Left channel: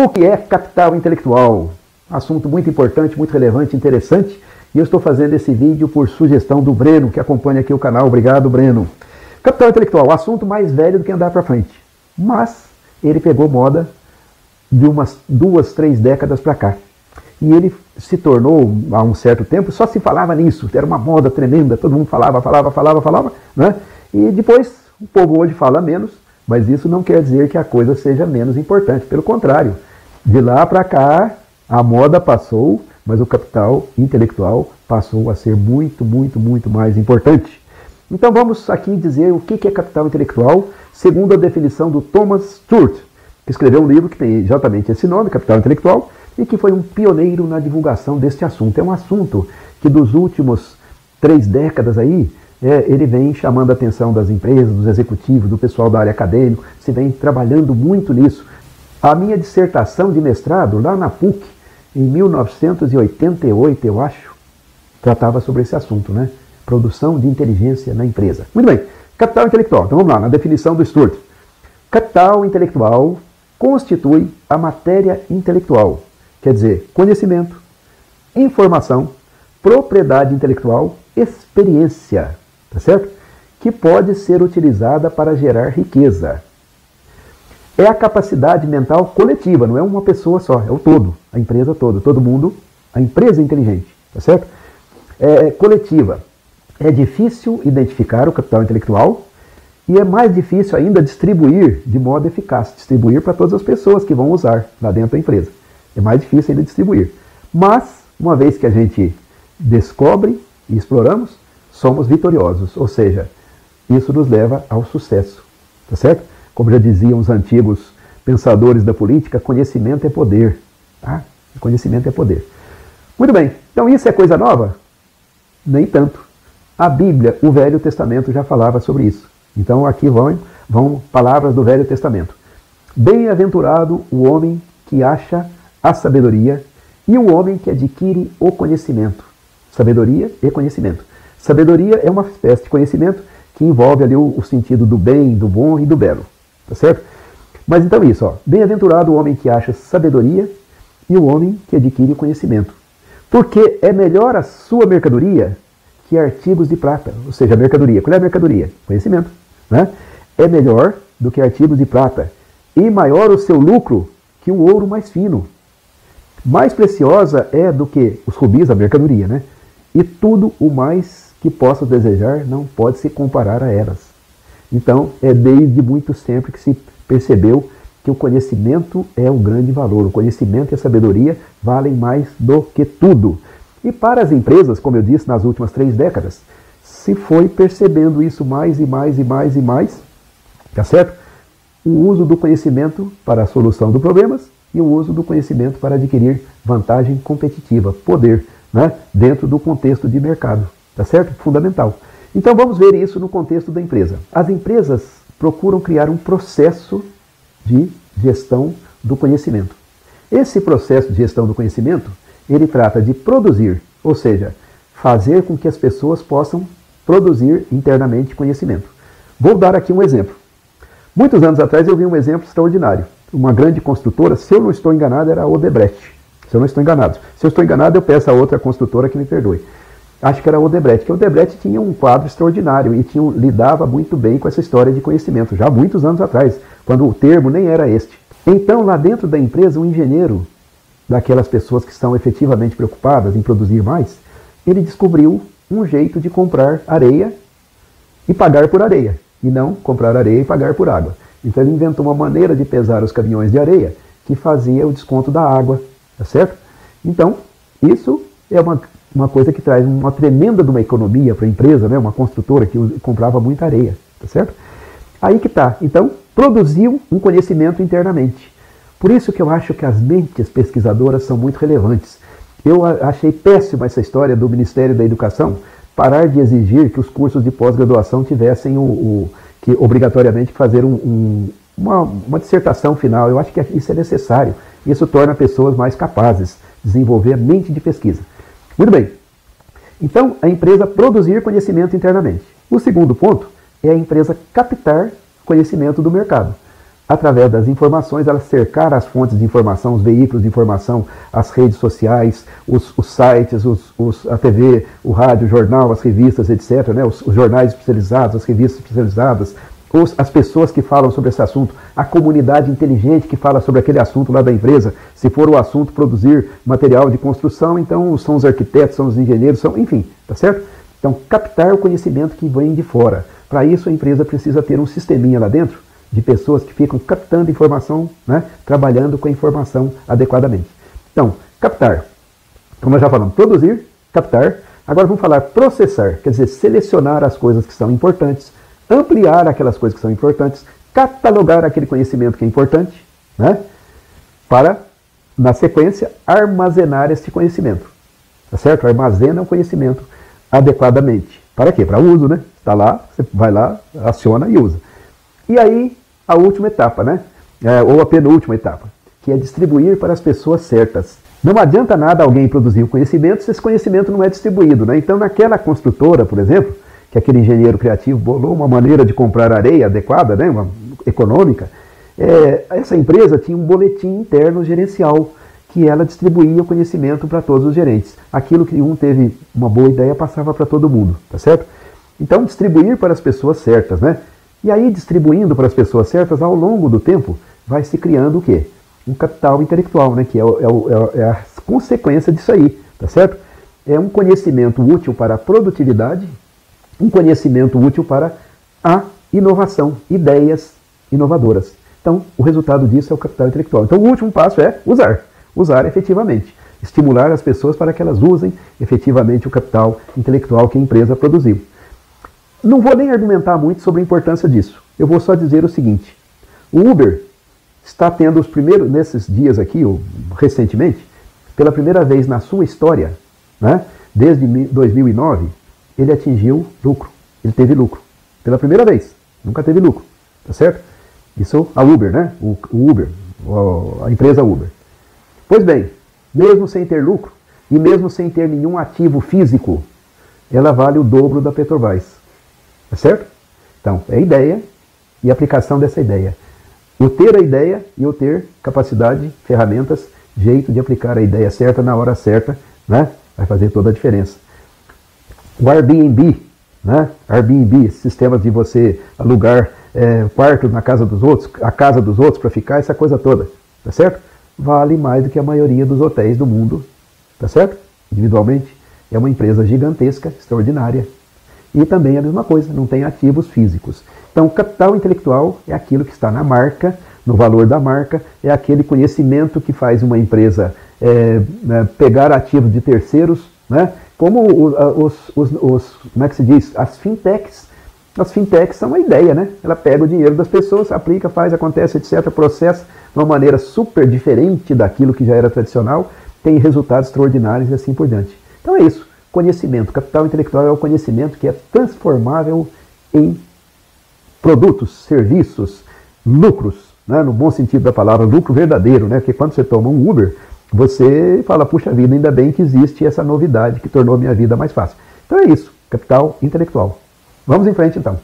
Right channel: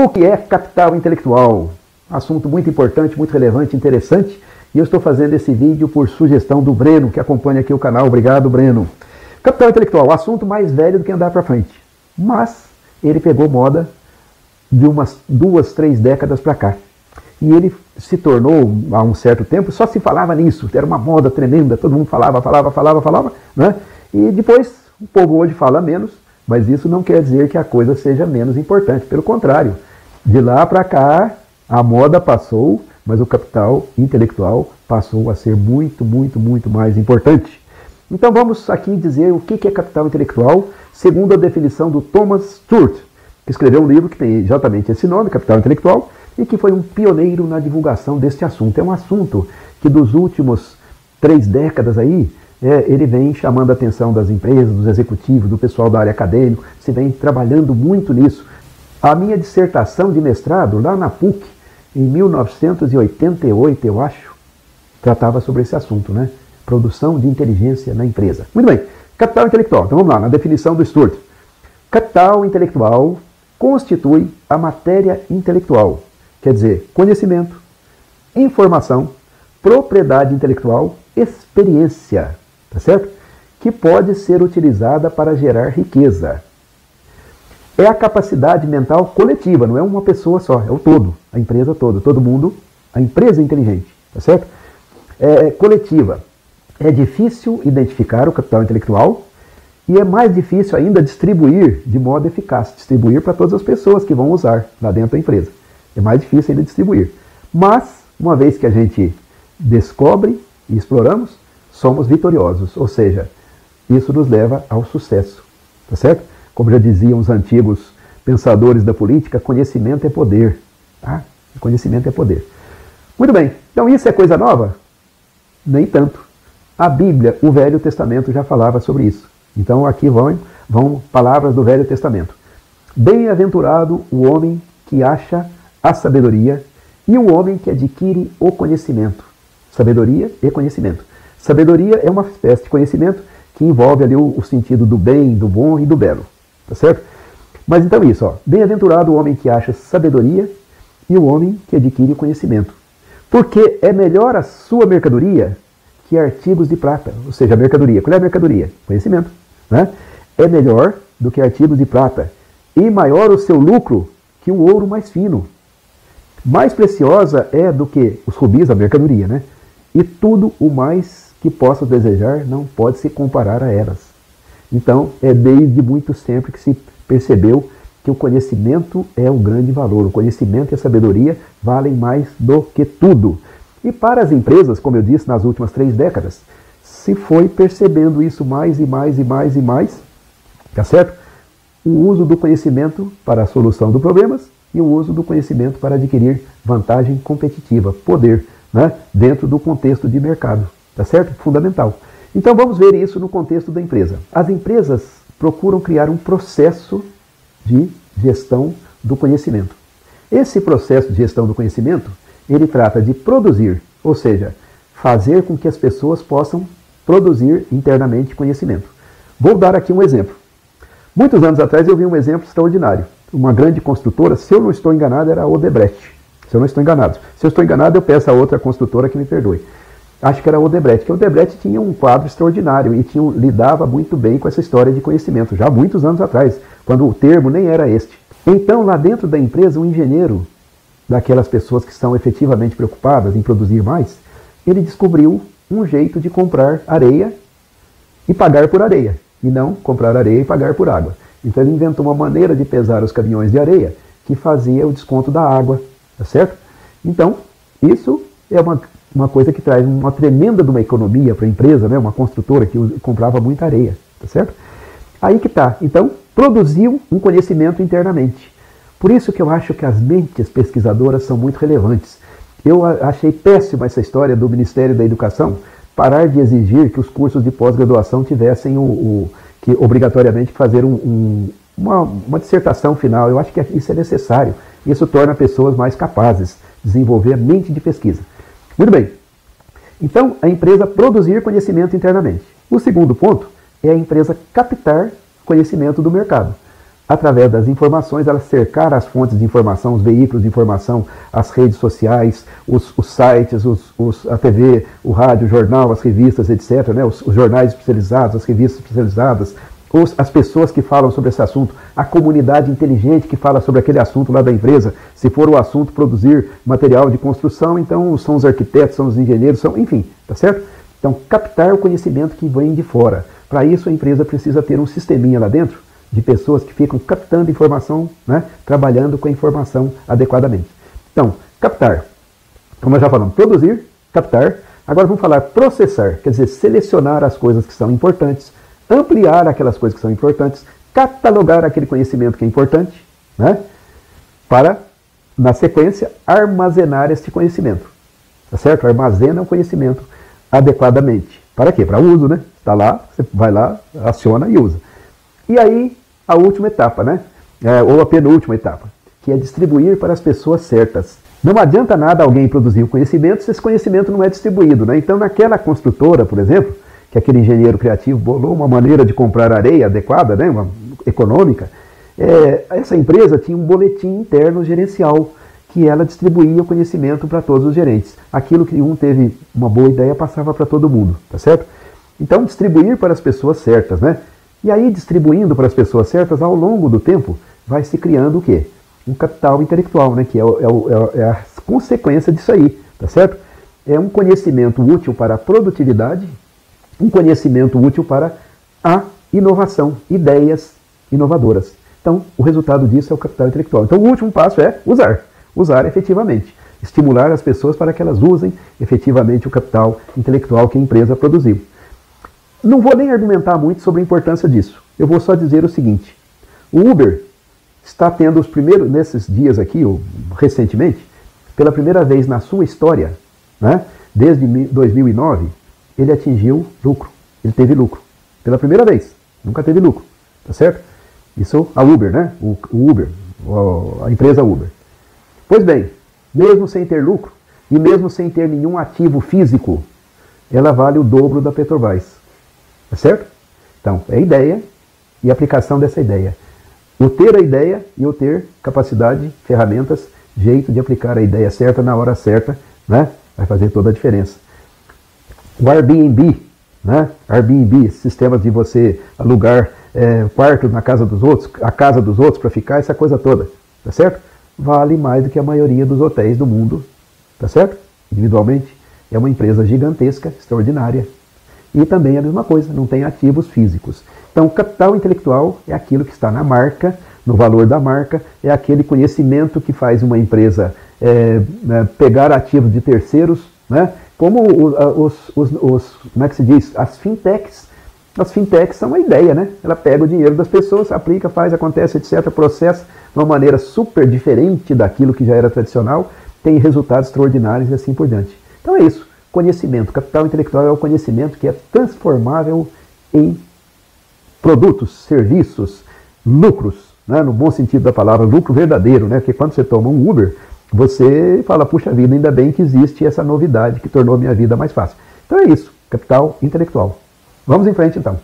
O que é capital intelectual? Assunto muito importante, muito relevante, interessante. E eu estou fazendo esse vídeo por sugestão do Breno, que acompanha aqui o canal. Obrigado, Breno. Capital intelectual, assunto mais velho do que andar para frente. Mas ele pegou moda de umas 2, 3 décadas para cá. E ele se tornou, há um certo tempo, só se falava nisso. Era uma moda tremenda, todo mundo falava, né? E depois o povo hoje fala menos, mas isso não quer dizer que a coisa seja menos importante. Pelo contrário, de lá para cá, a moda passou, mas o capital intelectual passou a ser muito, muito, muito mais importante. Então vamos aqui dizer o que é capital intelectual, segundo a definição do Thomas Stuart, que escreveu um livro que tem exatamente esse nome, Capital Intelectual, e que foi um pioneiro na divulgação deste assunto. É um assunto que dos últimos 3 décadas aí, ele vem chamando a atenção das empresas, dos executivos, do pessoal da área acadêmica, se vem trabalhando muito nisso. A minha dissertação de mestrado, lá na PUC, em 1988, eu acho, tratava sobre esse assunto, né? Produção de inteligência na empresa. Muito bem, capital intelectual. Então vamos lá, na definição do Stuart. Capital intelectual constitui a matéria intelectual. Quer dizer, conhecimento, informação, propriedade intelectual, experiência, tá certo? Que pode ser utilizada para gerar riqueza. É a capacidade mental coletiva, não é uma pessoa só, é o todo, a empresa toda, todo mundo, a empresa é inteligente, tá certo? É coletiva. É difícil identificar o capital intelectual e é mais difícil ainda distribuir de modo eficaz, distribuir para todas as pessoas que vão usar lá dentro da empresa. É mais difícil ainda distribuir. Mas, uma vez que a gente descobre e exploramos, somos vitoriosos. Ou seja, isso nos leva ao sucesso. Tá certo? Como já diziam os antigos pensadores da política, conhecimento é poder. Tá? Conhecimento é poder. Muito bem. Então isso é coisa nova? Nem tanto. A Bíblia, o Velho Testamento, já falava sobre isso. Então aqui vão palavras do Velho Testamento. Bem-aventurado o homem que acha a sabedoria e o homem que adquire o conhecimento. Sabedoria e conhecimento. Sabedoria é uma espécie de conhecimento que envolve ali o sentido do bem, do bom e do belo. Tá certo? Mas então isso, ó. Bem-aventurado o homem que acha sabedoria e o homem que adquire conhecimento. Porque é melhor a sua mercadoria que artigos de prata. Ou seja, a mercadoria. Qual é a mercadoria? Conhecimento. Né? É melhor do que artigos de prata. E maior o seu lucro que o ouro mais fino. Mais preciosa é do que os rubis, a mercadoria, né? E tudo o mais que possas desejar não pode se comparar a elas. Então, é desde muito tempo que percebeu que o conhecimento é um grande valor. O conhecimento e a sabedoria valem mais do que tudo. E para as empresas, como eu disse, nas últimas 3 décadas, se foi percebendo isso mais e mais e mais e mais, tá certo? O uso do conhecimento para a solução de problemas e o uso do conhecimento para adquirir vantagem competitiva, poder, né? Dentro do contexto de mercado, tá certo? Fundamental. Então vamos ver isso no contexto da empresa. As empresas procuram criar um processo de gestão do conhecimento. Esse processo de gestão do conhecimento, ele trata de produzir, ou seja, fazer com que as pessoas possam produzir internamente conhecimento. Vou dar aqui um exemplo. Muitos anos atrás eu vi um exemplo extraordinário. Uma grande construtora, se eu não estou enganado, era a Odebrecht. Se eu não estou enganado. Se eu estou enganado, eu peço a outra construtora que me perdoe. Acho que era a Odebrecht. Porque a Odebrecht tinha um quadro extraordinário e lidava muito bem com essa história de conhecimento, já há muitos anos atrás, quando o termo nem era este. Então, lá dentro da empresa, um engenheiro, daquelas pessoas que estão efetivamente preocupadas em produzir mais, ele descobriu um jeito de comprar areia e pagar por areia, e não comprar areia e pagar por água. Então ele inventou uma maneira de pesar os caminhões de areia que fazia o desconto da água, tá certo? Então, isso é uma coisa que traz uma tremenda de uma economia para a empresa, né? Uma construtora que comprava muita areia, tá certo? Aí que tá. Então, produziu um conhecimento internamente. Por isso que eu acho que as mentes pesquisadoras são muito relevantes. Eu achei péssima essa história do Ministério da Educação parar de exigir que os cursos de pós-graduação tivessem que obrigatoriamente fazer uma dissertação final. Eu acho que isso é necessário. Isso torna pessoas mais capazes de desenvolver a mente de pesquisa. Muito bem. Então, a empresa produzir conhecimento internamente. O segundo ponto, é a empresa captar conhecimento do mercado. através das informações, ela cercar as fontes de informação, os veículos de informação, as redes sociais, os sites, a TV, o rádio, o jornal, as revistas, etc., né? Os jornais especializados, as revistas especializadas, as pessoas que falam sobre esse assunto, a comunidade inteligente que fala sobre aquele assunto lá da empresa. Se for o assunto produzir material de construção, então são os arquitetos, são os engenheiros, enfim, tá certo? Então, captar o conhecimento que vem de fora. Para isso, a empresa precisa ter um sisteminha lá dentro de pessoas que ficam captando informação, né, trabalhando com a informação adequadamente. Então, captar. Como nós já falamos, produzir, captar. Agora vamos falar processar, quer dizer, selecionar as coisas que são importantes, ampliar aquelas coisas que são importantes, catalogar aquele conhecimento que é importante, né, para, na sequência, armazenar este conhecimento. Tá certo? Armazena o conhecimento adequadamente. Para quê? Para uso, né? Está lá, você vai lá, aciona e usa. E aí, a última etapa, né? Ou a penúltima etapa, que é distribuir para as pessoas certas. Não adianta nada alguém produzir o conhecimento se esse conhecimento não é distribuído, né? Então, naquela construtora, por exemplo, que aquele engenheiro criativo bolou uma maneira de comprar areia adequada, né? Uma econômica, essa empresa tinha um boletim interno gerencial, que ela distribuía o conhecimento para todos os gerentes. Aquilo que um teve uma boa ideia passava para todo mundo, tá certo? Então, distribuir para as pessoas certas, né? E aí, distribuindo para as pessoas certas, ao longo do tempo, vai se criando o quê? Um capital intelectual, né? É um conhecimento útil para a produtividade, um conhecimento útil para a inovação, ideias inovadoras. Então, o resultado disso é o capital intelectual. Então, o último passo é usar. Usar efetivamente. Estimular as pessoas para que elas usem efetivamente o capital intelectual que a empresa produziu. Não vou nem argumentar muito sobre a importância disso. Eu vou só dizer o seguinte. O Uber está tendo os primeiros, nesses dias aqui, ou recentemente, pela primeira vez na sua história, né, desde 2009, ele atingiu lucro. Ele teve lucro. Pela primeira vez. Nunca teve lucro. Tá certo? Isso, a Uber, né? O Uber, a empresa Uber. Pois bem, mesmo sem ter lucro, e mesmo sem ter nenhum ativo físico, ela vale o dobro da Petrobras. Certo? Então, é a ideia e a aplicação dessa ideia. O ter a ideia e o ter capacidade, ferramentas, jeito de aplicar a ideia certa na hora certa, né? Vai fazer toda a diferença. O Airbnb, né? Airbnb, sistemas de você alugar quarto na casa dos outros, a casa dos outros para ficar, essa coisa toda. Tá certo? Vale mais do que a maioria dos hotéis do mundo, tá certo? Individualmente, é uma empresa gigantesca, extraordinária. E também é a mesma coisa, não tem ativos físicos. Então, o capital intelectual é aquilo que está na marca, no valor da marca, é aquele conhecimento que faz uma empresa pegar ativos de terceiros, né? Como como é que se diz? As fintechs. As fintechs são uma ideia, né? Ela pega o dinheiro das pessoas, aplica, faz, acontece, etc., processa de uma maneira super diferente daquilo que já era tradicional, tem resultados extraordinários e assim por diante. Então é isso. Conhecimento. Capital intelectual é o conhecimento que é transformável em produtos, serviços, lucros, né? No bom sentido da palavra, lucro verdadeiro, né? Porque quando você toma um Uber, você fala, puxa vida, ainda bem que existe essa novidade que tornou a minha vida mais fácil. Então é isso. Capital intelectual. Vamos em frente então.